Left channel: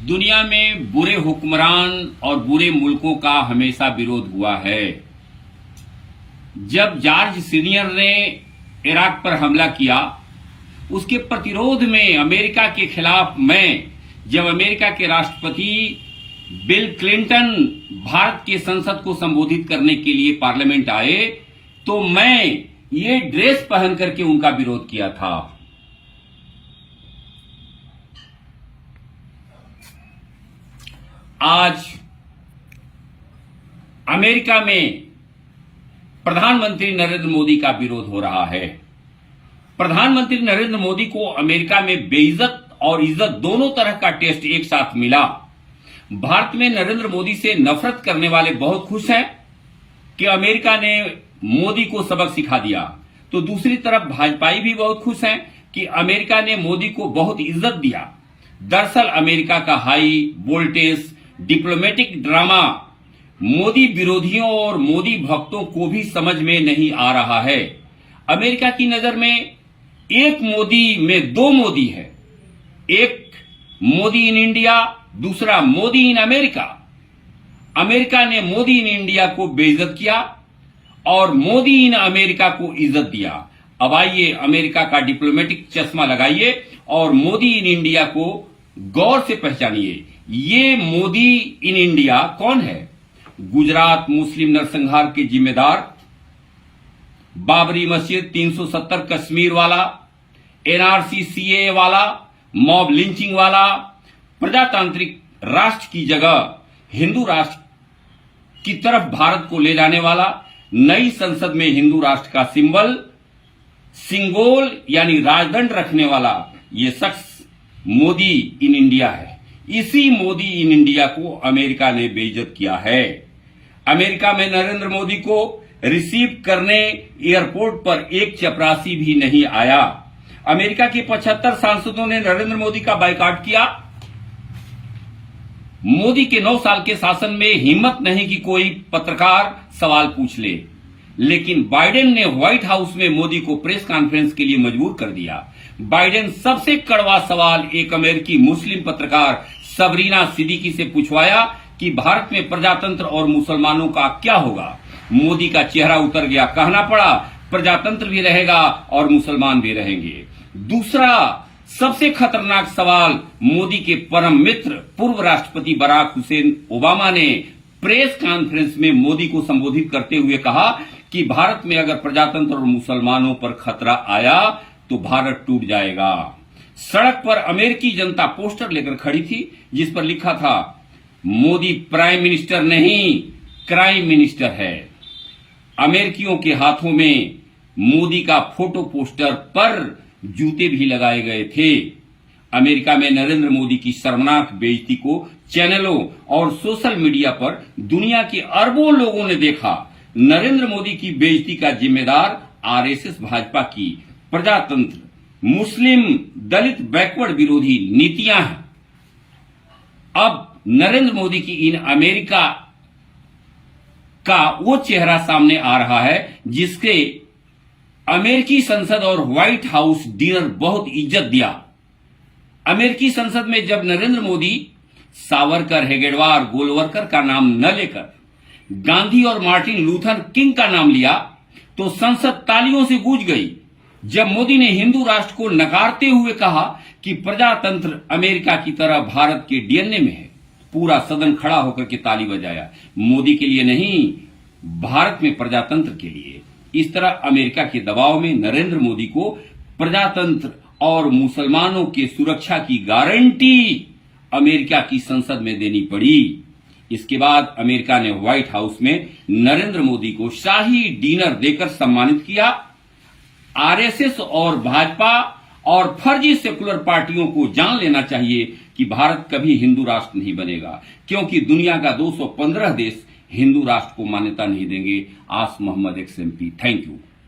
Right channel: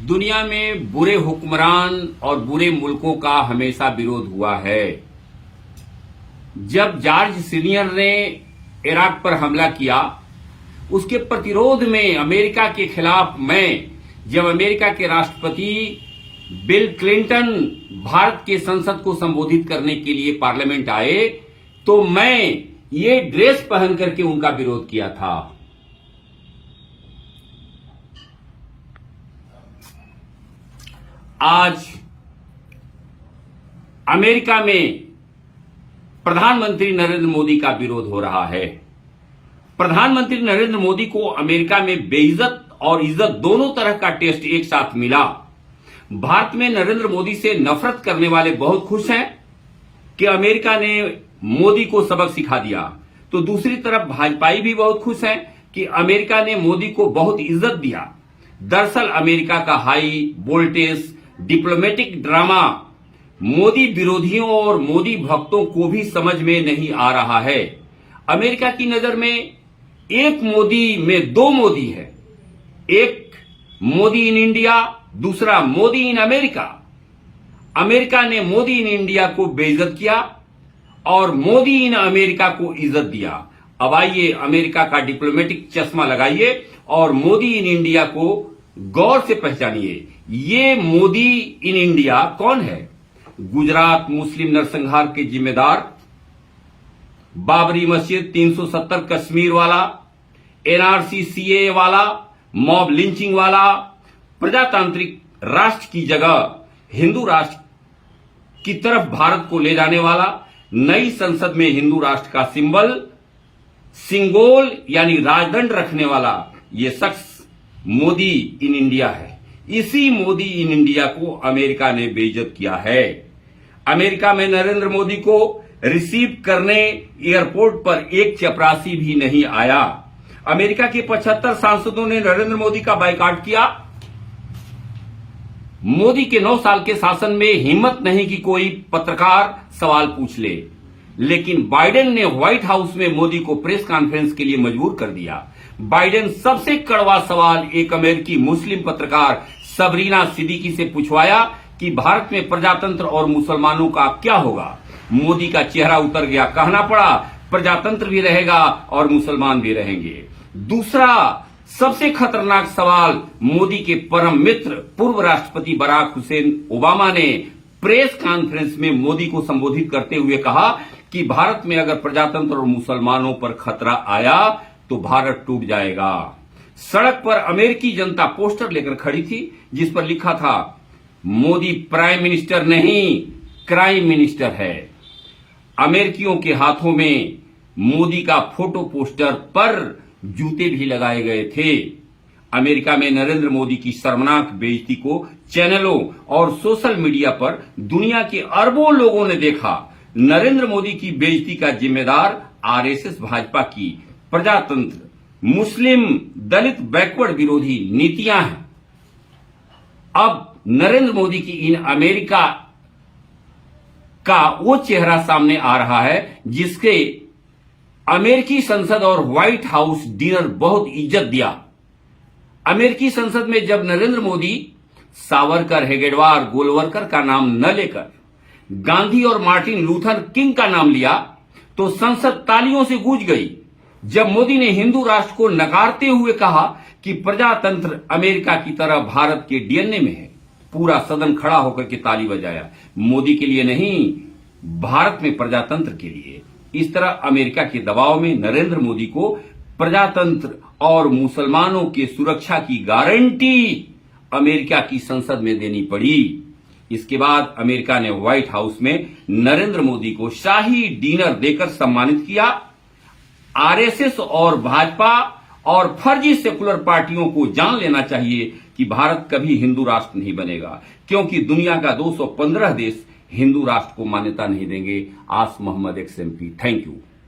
दुनिया में बुरे हुक्मरान और बुरे मुल्कों का हमेशा विरोध हुआ है। जब जॉर्ज सीनियर ने इराक पर हमला किया, उसके प्रतिरोध में अमेरिका के खिलाफ जब अमेरिका के राष्ट्रपति बिल क्लिंटन भारत के संसद को संबोधित करने के लिए पार्लियामेंट आए, तो मैं ये ड्रेस पहन करके उनका विरोध किया था। आज अमेरिका में प्रधानमंत्री नरेंद्र मोदी का विरोध हो रहा है। प्रधानमंत्री नरेंद्र मोदी को अमेरिका में बेइज्जत और इज्जत दोनों तरह का टेस्ट एक साथ मिला। भारत में नरेंद्र मोदी से नफरत करने वाले बहुत खुश हैं कि अमेरिका ने मोदी को सबक सिखा दिया, तो दूसरी तरफ भाजपाई भी बहुत खुश हैं कि अमेरिका ने मोदी को बहुत इज्जत दिया। दरअसल अमेरिका का high voltage diplomatic drama Modi विरोधियों और मोदी भक्तों को भी समझ में नहीं आ रहा है। अमेरिका की नजर में एक मोदी में दो मोदी है, एक मोदी इन इंडिया, दूसरा मोदी इन अमेरिका। अमेरिका ने मोदी इन इंडिया को बेइज्जत किया और मोदी इन अमेरिका को इज्जत दिया। अब आइए अमेरिका का डिप्लोमेटिक चश्मा लगाइए और मोदी इन इंडिया को गौर से पहचानिए। ये मोदी इन इंडिया कौन है? गुजरात मुस्लिम नरसंहार के जिम्मेदार, बाबरी मस्जिद 370 कश्मीर वाला, एनआरसी सीए वाला, मॉब लिंचिंग वाला, प्रजातांत्रिक राष्ट्र की जगह हिंदू राष्ट्र की तरफ भारत को ले जाने वाला, नई संसद में हिंदू राष्ट्र का सिंगोल यानी राजदंड रखने वाला ये शख्स मोदी इन इंडिया है। इसी मोदी इन इंडिया को अमेरिका ने बेइज्जत किया है। अमेरिका में नरेंद्र मोदी को रिसीव करने एयरपोर्ट पर एक चपरासी भी नहीं आया। अमेरिका के 75 सांसदों ने नरेंद्र मोदी का बायकॉट किया। मोदी के 9 साल के शासन में हिम्मत नहीं कि कोई पत्रकार सवाल पूछ ले, लेकिन बाइडेन ने व्हाइट हाउस में मोदी को प्रेस कॉन्फ्रेंस के लिए मजबूर कर दिया। बाइडेन सबसे कड़वा सवाल एक अमेरिकी मुस्लिम पत्रकार सबरीना सिद्दीकी से पूछवाया कि भारत में प्रजातंत्र और मुसलमानों का क्या होगा। मोदी का चेहरा उतर गया, कहना पड़ा प्रजातंत्र भी रहेगा और मुसलमान भी रहेंगे। दूसरा सबसे खतरनाक सवाल मोदी के परम मित्र पूर्व राष्ट्रपति बराक हुसैन ओबामा ने प्रेस कॉन्फ्रेंस में मोदी को संबोधित करते हुए कहा कि भारत में अगर प्रजातंत्र और मुसलमानों पर खतरा आया तो भारत टूट जाएगा। सड़क पर अमेरिकी जनता पोस्टर लेकर खड़ी थी जिस पर लिखा था, मोदी प्राइम मिनिस्टर नहीं क्राइम मिनिस्टर है। अमेरिकियों के हाथों में मोदी का फोटो पोस्टर पर जूते भी लगाए गए थे। अमेरिका में नरेंद्र मोदी की शर्मनाक बेइज्जती को चैनलों और सोशल मीडिया पर दुनिया के अरबों लोगों ने देखा। नरेंद्र मोदी की बेइज्जती का जिम्मेदार आरएसएस भाजपा की प्रजातंत्र, मुस्लिम, दलित, बैकवर्ड विरोधी नीतियां हैं। अब नरेंद्र मोदी की इन अमेरिका का वो चेहरा सामने आ रहा है जिसके अमेरिकी संसद और व्हाइट हाउस डिनर बहुत इज्जत दिया। अमेरिकी संसद में जब नरेंद्र मोदी सावरकर, हेगेडवार, गोलवरकर का नाम न लेकर गांधी और मार्टिन लूथर किंग का नाम लिया तो संसद तालियों से गूंज गई। जब मोदी ने हिंदू राष्ट्र को नकारते हुए कहा कि प्रजातंत्र अमेरिका की तरह भारत के डीएनए में है, पूरा सदन खड़ा होकर के ताली बजाया। मोदी के लिए नहीं, भारत में प्रजातंत्र के लिए। इस तरह अमेरिका के दबाव में नरेंद्र मोदी को प्रजातंत्र और मुसलमानों के सुरक्षा की गारंटी अमेरिका की संसद में देनी पड़ी। इसके बाद अमेरिका ने व्हाइट हाउस में नरेंद्र मोदी को शाही डिनर देकर सम्मानित किया। आरएसएस और भाजपा और फर्जी सेकुलर पार्टियों को जान लेना चाहिए कि भारत कभी हिंदू राष्ट्र नहीं बनेगा, क्योंकि दुनिया का 215 देश हिंदू राष्ट्र को मान्यता नहीं देंगे। आस मोहम्मद XMP। Thank you.